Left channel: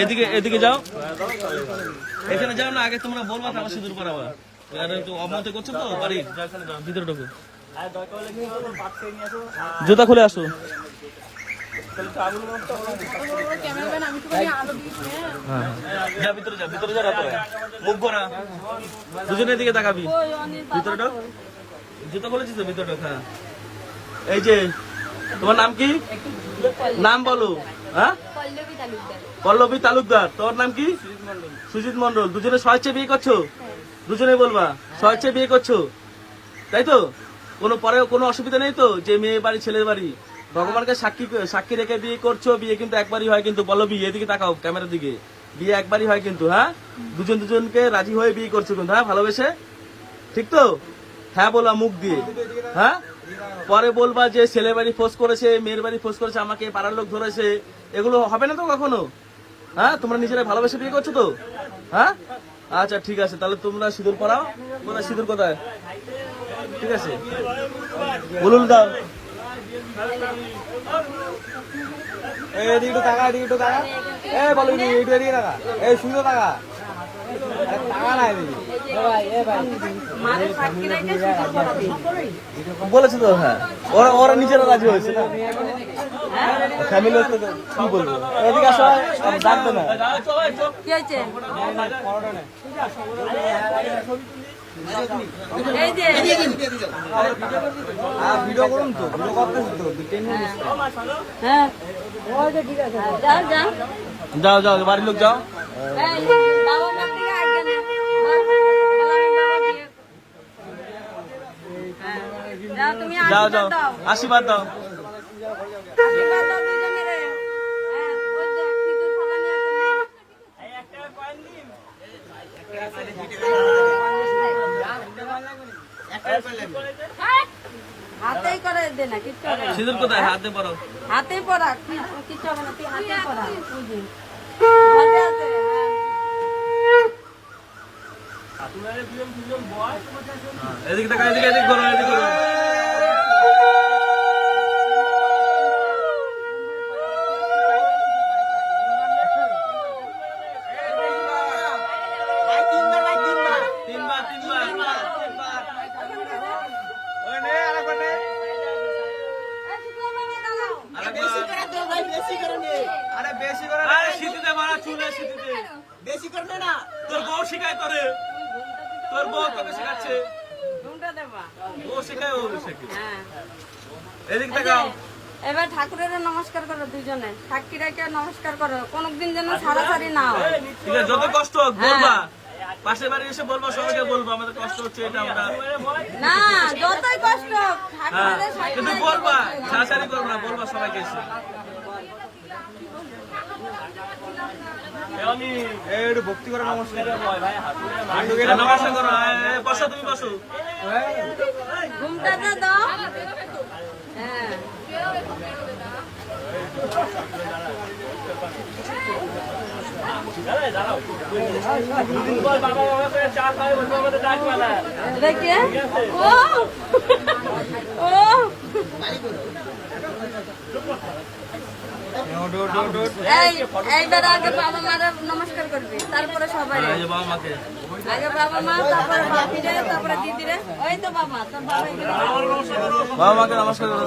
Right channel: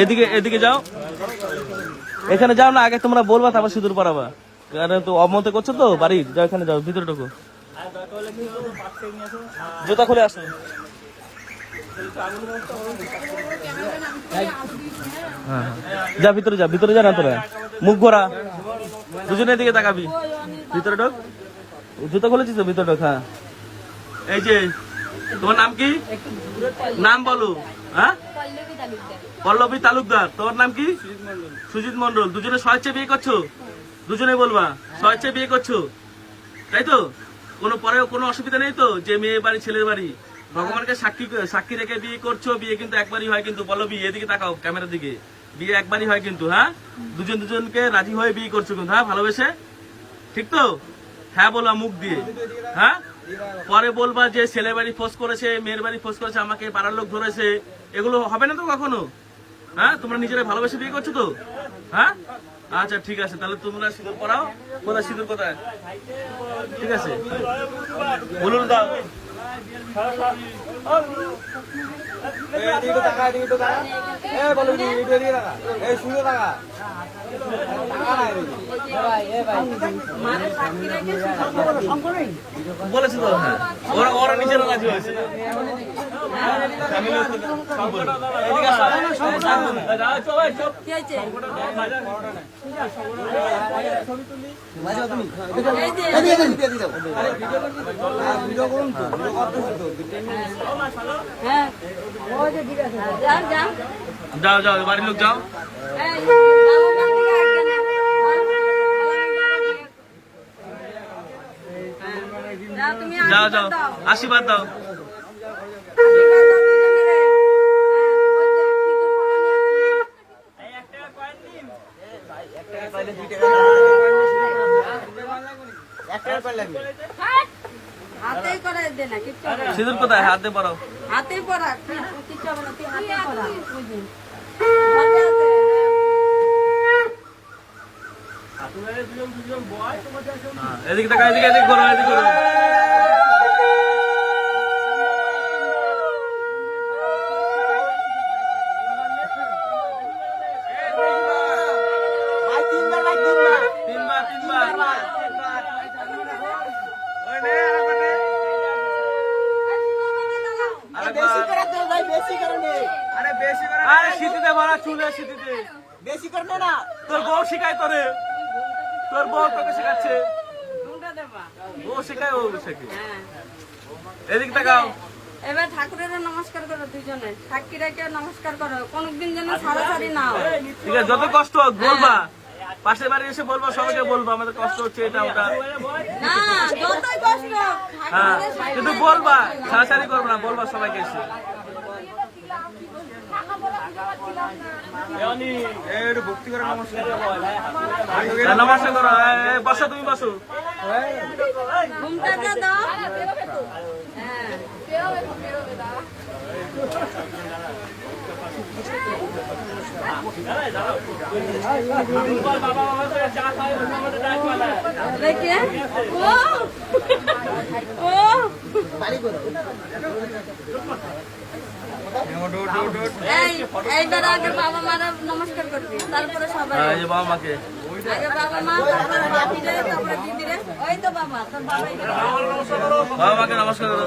এদিকে এদিকে যাও, এখানে যাও না, আগে তোমরা বলবা তারপর সিঁদুর পরাবা। তো অমতে করছো তো বাড়ি, যাও এখানে যাও, ভিতরে ঢোকো, জুতা খুলে আসো। হ্যাঁ যা ভিতরে যা, ভিতরে যা না তোরা, মুখ ভরা, দুজনের দিকে তাকাবি, ভিতরে ঢোক, জুতা খুলেছিস তো, ভিতরে ঢোক। হ্যাঁ এই যে তোমার নাম কি, নাম বলো। হ্যাঁ পল্লবী তালুকদার। তোর নাম কি? সুজিত মন্ডল। দুজনে স্বেচ্ছায় বিয়ে করছো? দুজনে বলবা স্বেচ্ছায় বিয়ে করছো, তাই তো? কোনো পরে কোনো অসুবিধা নেই তো, যে মেয়ে বাড়ি ছেলের বাড়ি ভগবানকে সাক্ষী রেখে বিয়ে করছো? বিয়ে কিন্তু একবারই হয় কিন্তু, পল্লবী এদিকে তাকাও ক্যামেরার দিকে, বিয়ে একবারই হয় কিন্তু। হ্যাঁ দুজনকে রাজি হয়ে বিয়ে করছো কিন্তু, হ্যাঁ ভালোবেসে, ঠিক তো? হ্যাঁ বলবা মুখ দিয়ে। হ্যাঁ পরে বলবা যে ছেলের বাড়ি ফোর্স করেছে, মেয়ের বাড়ি ফোর্স করেছে, আমাকে পাড়ার লোক ধরেছে, এগুলো হবে না তো কখনো। হ্যাঁ তোমরা নিজেরা ভালোবেসে বিয়ে করছো তো? হ্যাঁ আচ্ছা ঠিক আছে, তাহলে তোমরা সিঁদুর পরাও। কোথায় সিঁদুর, কোথায়? ঠিক আছে বলুন দাও। বলেছে তো, হ্যাঁ ওরা নিজেরা রাজি হয়েছে না, ফ্যামিলি কি বলবো। এদিকে আসো, জানতো না। যাও যাও বাড়ির লোক যাও, যাও যাও আশীর্বাদ দাও। সিঁদুর কোথায়? হাতে পরাও, হাতেই পরা, কিছু হবে না, তুই হাতেই পরা। এদিকে টাকা, এদিকে এদিকে করো, এদিকে করো। তোর বউ শিখায় তোরে, তোর বউ তোকে শেখাচ্ছে, ও শেখায়, ও শেখে। এদিক তাকাও। এবার ঠাকুরেরও নমস্কার করো, দুজনে সাক্ষী রেখে নমস্কার করো, কোনদিন যেন ছাড়াছাড়ি না হয়। ঠিক আছে, যত কষ্ট হোক বলবা, পাশের বাড়ি এসে বলবো, সবাইকে বলবো আমাদের কষ্ট হচ্ছে এটা ওটা। না যতই কষ্ট হোক, হ্যাঁ কিন্তু বলবা, ছাড়াছাড়ি করবো না, বলবা সবাইকে এসে। ভক্তি করে নমস্কার করো, বসো, তুমি বসো। ঘুমটাতে দাও। देखिए এইবার আগে বাবা মারা নমস্কার করবি, তারপরে সবাই। বাবা মাকে আগে বাবা মা, তারপরে বাপিরে, তারপরে দিদিরে। ওই তো বাবা, তোর বাবা এখানে বাবা মাকে নমস্কার করো।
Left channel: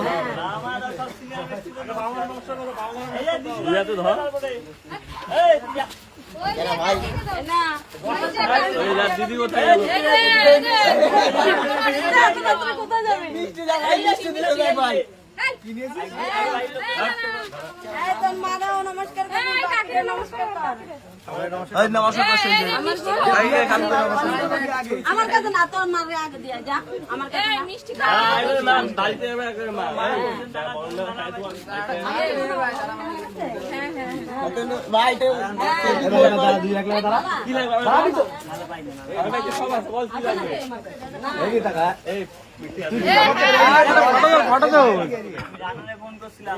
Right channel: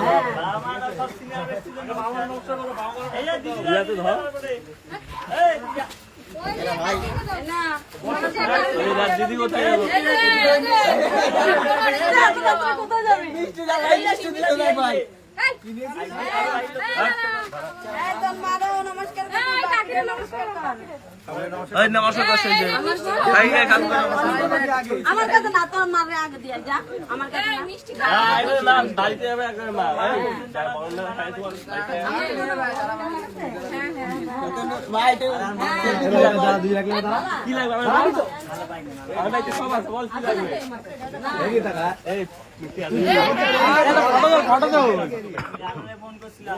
দিদি কোথায় যাবো? কোথায় যাবি? আমার কাছে না, তোর মারে আগে দিয়ে যা, আমার কাছে মিষ্টি ফটো দাও। ফোন করছিলাম